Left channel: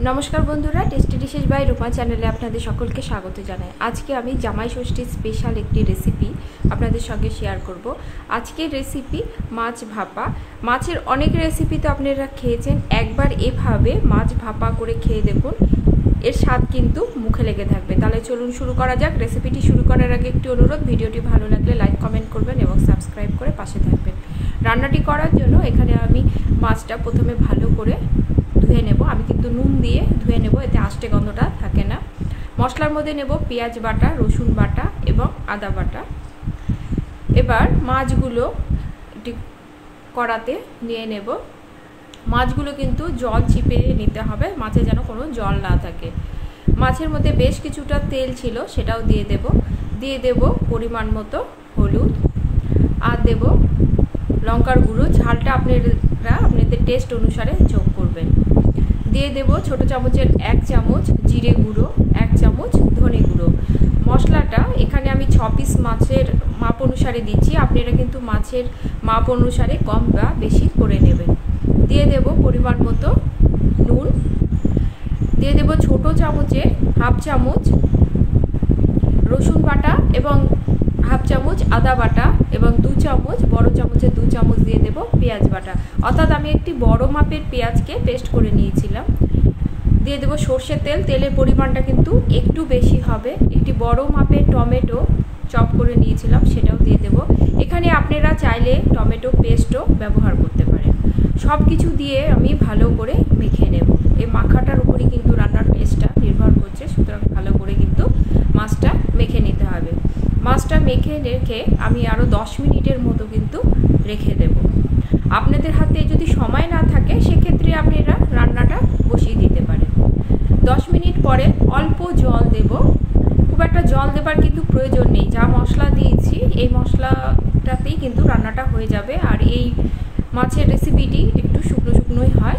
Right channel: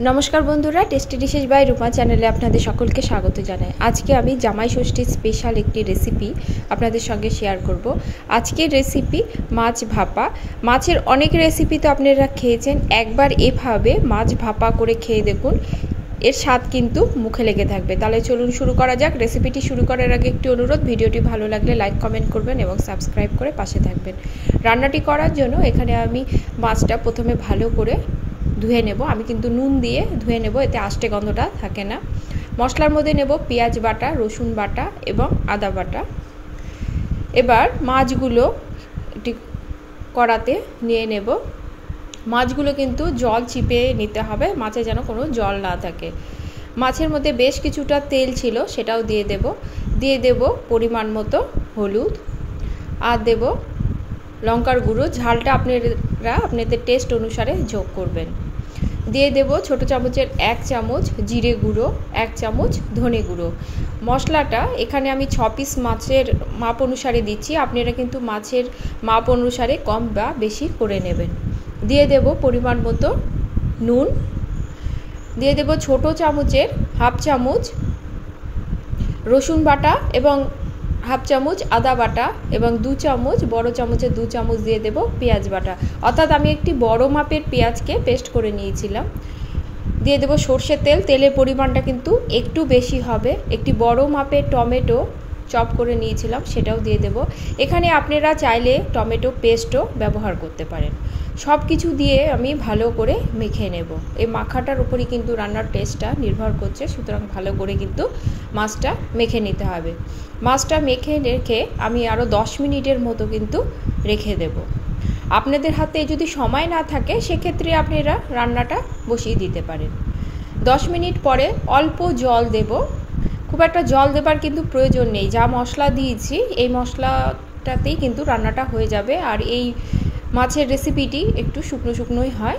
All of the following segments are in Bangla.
नमस्कार बंधुरा टेस्टी डिशेस बाय रूपा चैनेले आपनादेर सकलके स्वागत जानाई। आज के आमी जामाई षष्ठी स्पेशल एकटी रेसिपि आपनादेर संगे शेयर करब। आजकेर रेसिपि माछ भापा। माछेर अनेक रेसिपि तो आपनारा खेयेछेन, एकबार एभावे माछ भापा करे खेये देखुन, एर स्वाद किन्तु मुखे लेगे थाकबे। ताहले चलुन शुरू करा जाक। रेसिपिटी शुरू करार आगे एकटी अनुरोध, भिडियोटी भालो लागले लाइक कमेंट करबेन एबं सबस्क्राइब करे पाशे थाकबेन। रान्नाटी करार जोन्नो एखाने आमी माछटा प्रथमे भालो करे धुए नेब। आमी किन्तु नुन दिए धुए नेब, एते आष्टे गन्धटा थाके ना। मशलार मध्य नेब पेঁয়াজ बाटा, रसुन बाटा एबं आदा बाटा। एबार माछगुलो एकटी कड़ाते निये नेब। माछगुलो किन्तु जल चिपे निते हबे, माछे जेन कोनो जल ना थाके। माछेर मध्य बेश किछुटा तेल छिलो, सेटाओ दिये देब। दिये देब परिमाण मतो हलुद आर देब लंकार गुঁড়ো। झालटा आपनारा आपनादेर टेस्ट अनुसारे जोग करबेन। दिए देव छोटो चामचेर 1 चामच जिरे गुঁড়ো, 1 चामच धने गुঁড়ো। मशलाटा एखाने आमी 6 पिस माछेर माप अनुसारे दिচ্ছি, आपनारा किन्तु माछेर माप अनुसारे कम बा बेशी करे नेबेन। दिए देव परिमाण मतो नुन। दिए देव छोटो चामचेर 1/2 चामच रसुन बाटा एबं 1/2 चामच आदा बाटा एबं 2 चामच बड़ो चामचेर 2 चामच दिए देव पेঁয়াজ बाटा। अर्थात आमी एकटी बड़ो मापेर पेঁয়াজকে पेस्ट करे निয়েছিলাম। दिए देव सर्षेर तेल। तेलेर परिमाणटा किन्तु एकटू बेशी हबे। एकटी बड़ो मापेर टमेटो चप करे निয়েছিলাম, सेटाও दिए देव। एखाने आपनारा चाइले टमेटो पेस्टও ব্যবহার করতে পারেন। सब किछु दिए आमी भालो करे मेखे नेब। এই মাখাটার উপরই কিন্তু রান্নার টেস্টটা নির্ভর করছে, সুতরাং ভালো করে কিন্তু মাছটা মেখে নিতে হবে। মাছটা মেখে রেখে আমি আরও 10 মিনিটের মতো কিন্তু রেখে দেব। আপনাদের হাতে যদি সময় না থাকে সেক্ষেত্রে আপনারা রান্নাটা বসিয়ে দিতে পারেন। 10 মিনিট পরে অল্প জল দেব। খুব একটা জল দেবার কিন্তু প্রয়োজন নেই, যা মশলা দিয়েছি এই মশলাটাতেই কিন্তু রান্নাটা হয়ে যাবে। আর এই মাছের রেসিপিটি একটু শুকনো শুকনোই হয়।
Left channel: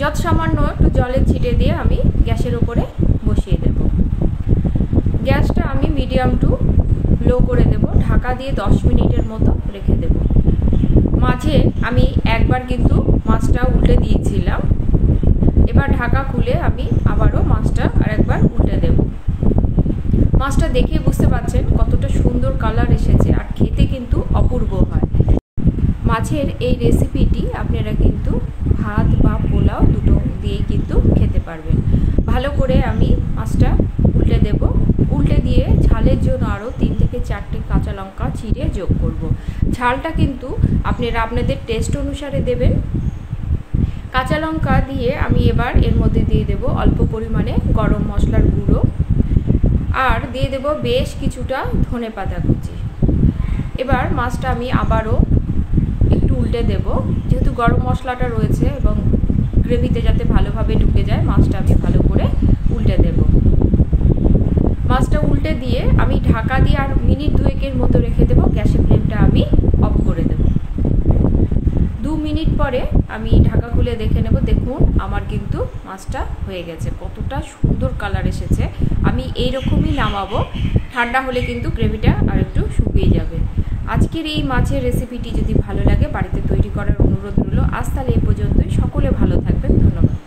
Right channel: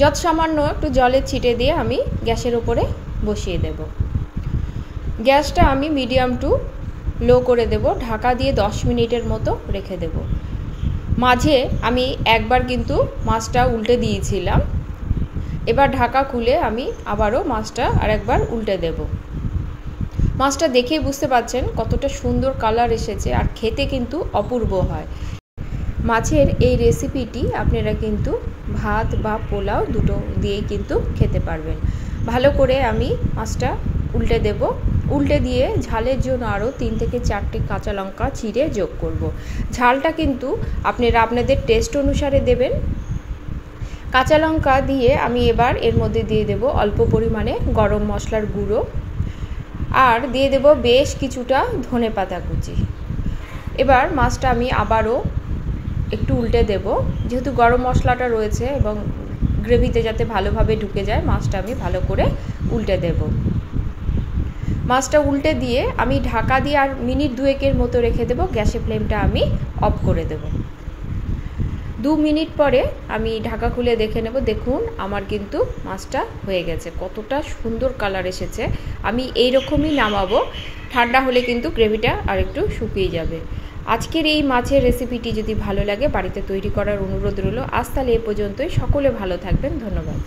যত সামান্য একটু জলের ছিটে দিয়ে আমি গ্যাসের উপরে বসিয়ে দেব। গ্যাসটা আমি মিডিয়াম টু লো করে দেব। ঢাকা দিয়ে 10 মিনিটের মতো রেখে দেব। মাঝে আমি একবার কিন্তু মাছটা উল্টে দিয়েছিলাম। এবার ঢাকা খুলে আমি আবারও মাছটা আরেকবার উল্টে দেব। মাছটা দেখেই বুঝতে পারছেন কতটা সুন্দর কালার এসেছে, আর খেতে কিন্তু অপূর্ব হয়। মাছের এই রেসিপিটি আপনারা কিন্তু ভাত বা পোলাও দুটো দিয়েই কিন্তু খেতে পারবেন। ভালো করে আমি মাছটা উল্টে দেব। উল্টে দিয়ে ঝালের জন্য আরও 3 থেকে 4টে কাঁচা লঙ্কা চিড়ে যোগ করব। ঝালটা কিন্তু আপনারা আপনাদের টেস্ট অনুসারে দেবেন। কাঁচা লঙ্কা দিয়ে আমি এবার এর মধ্যে দিয়ে দেব অল্প পরিমাণে গরম মশলার গুঁড়ো আর দিয়ে দেব বেশ কিছুটা ধনেপাতা কুচি। এবার মাছটা আমি আবারও একটু উল্টে দেব। যেহেতু গরম মশলাটা রয়েছে এবং গ্রেভিতে যাতে ভালোভাবে ঢুকে যায়, মাছটা আমি ভালো করে উল্টে দেব। মাছটা উল্টে দিয়ে আমি ঢাকা দিয়ে আর মিনিট 2 মতো রেখে দেব। গ্যাসের ফ্লেমটা আমি অফ করে দেব। 2 মিনিট পরে আমি ঢাকা খুলে দেখে নেব। দেখুন আমার কিন্তু মাছটা হয়ে গেছে, কতটা সুন্দর কালার এসেছে। আমি এই রকমই নামাবো। ঠান্ডা হলে কিন্তু গ্রেভিটা আর একটু শুকিয়ে যাবে। আজকের এই মাছের রেসিপিটি যদি ভালো লাগে বাড়িতে তৈরি করার অনুরোধ রইল। আজ তাহলে এ পর্যন্তই। সকলে ভালো থাকবেন। ধন্যবাদ।